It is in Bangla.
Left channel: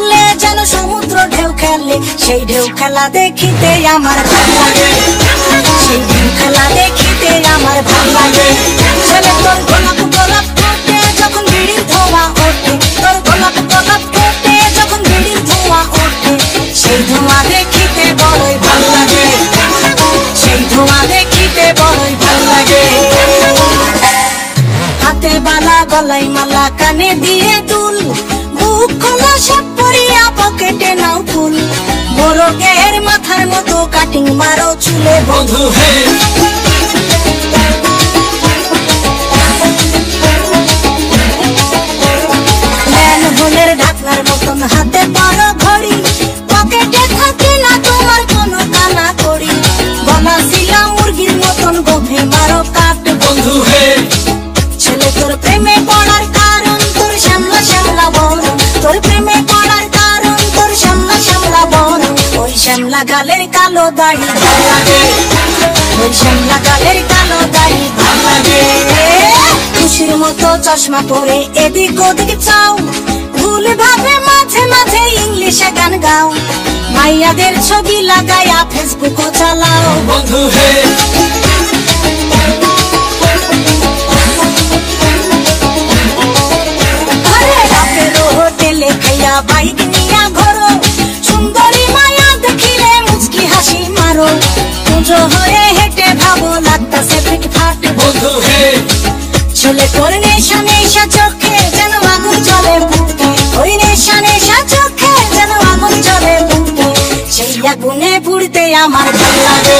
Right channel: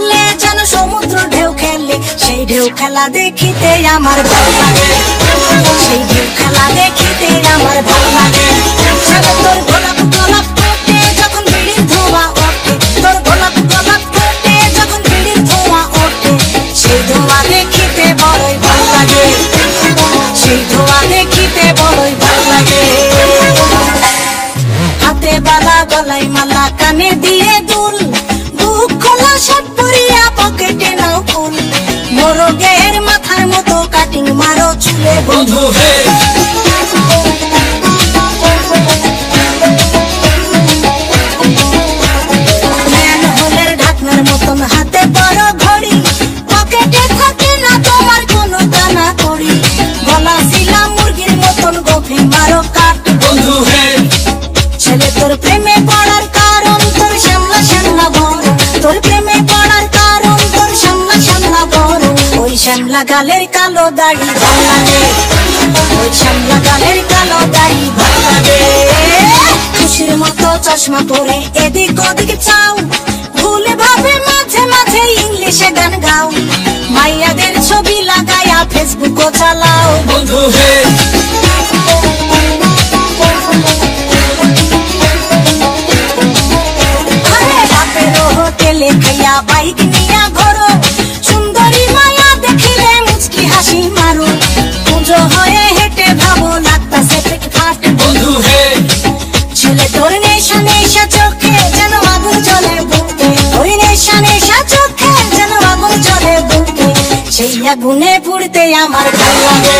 তুলে যেন সমুদ্র ঢেউ খেলে, সেই ঢেউ খেলা দেখিতে আমার ভালো লাগে, সেই ঢেউ খেলা দেখিতে আমার ভালো লাগে। ছেলে তোর গোলাপ গোলাপ ফোটে যখন বিড়ির ধোঁয়া ওঠে, তোর গোলাপ গোলাপ ফোটে যখন বিড়ির ধোঁয়া ওঠে, সেই ধোঁয়া দেখিতে বড়ই ভালো লাগে, সেই ধোঁয়া দেখিতে বড়ই ভালো লাগে। হাতে বালা গলায় মালা কানে দিয়ে দুল, বুক খোলা সব পরিয়া পকেটে নাও ফুল, মোরগের মাথার মতো কাটিং মারো চুলে বন্ধু হে। ম্যানহোলের ঢাকনার মতন হাতে বড় ঘড়ি, পকেটে থাকে না তোমার কোনো দানা কড়ি, বনাছিলাম মুরগির মতন গভীর মারো কাট বন্ধু হে। ছেলে তোর প্রেমে পড়ার কারণ তোর সামলা সামলা বড়, তোর প্রেমে পড়ার কারণ তোর সামলা সামলা বড়, ওই সামলা গালের কালো দাড়ি ভালো লাগে, ওই সামলা গালের কালো দাড়ি ভালো লাগে। খুশির মতো চশমা পরে এদিক ওদিক চাও, ভুল ভাবে মাঝে মাঝে ইংলিশে গান গাও, ভাইয়াদের ছবি লাগায়া ফেসবুকও চালাও বন্ধু হে। হোটেলে খাইয়া বাইক নিয়া ঘোরো, সুন্দরী মায়া দেখিলে মুচকি হাসি মারো, পুজো হয়ে হেঁটে ভাবো লাগতাছে ফিটফাট বন্ধু হে। ছেলে তোর নেশা নেশা চোখে যেন আগুন জ্বলে বুকে, ওই নেশা নেশা চোখে যেন আগুন জ্বলে বুকে, সেই আগুনে পুড়তে আমার ভালো লাগে।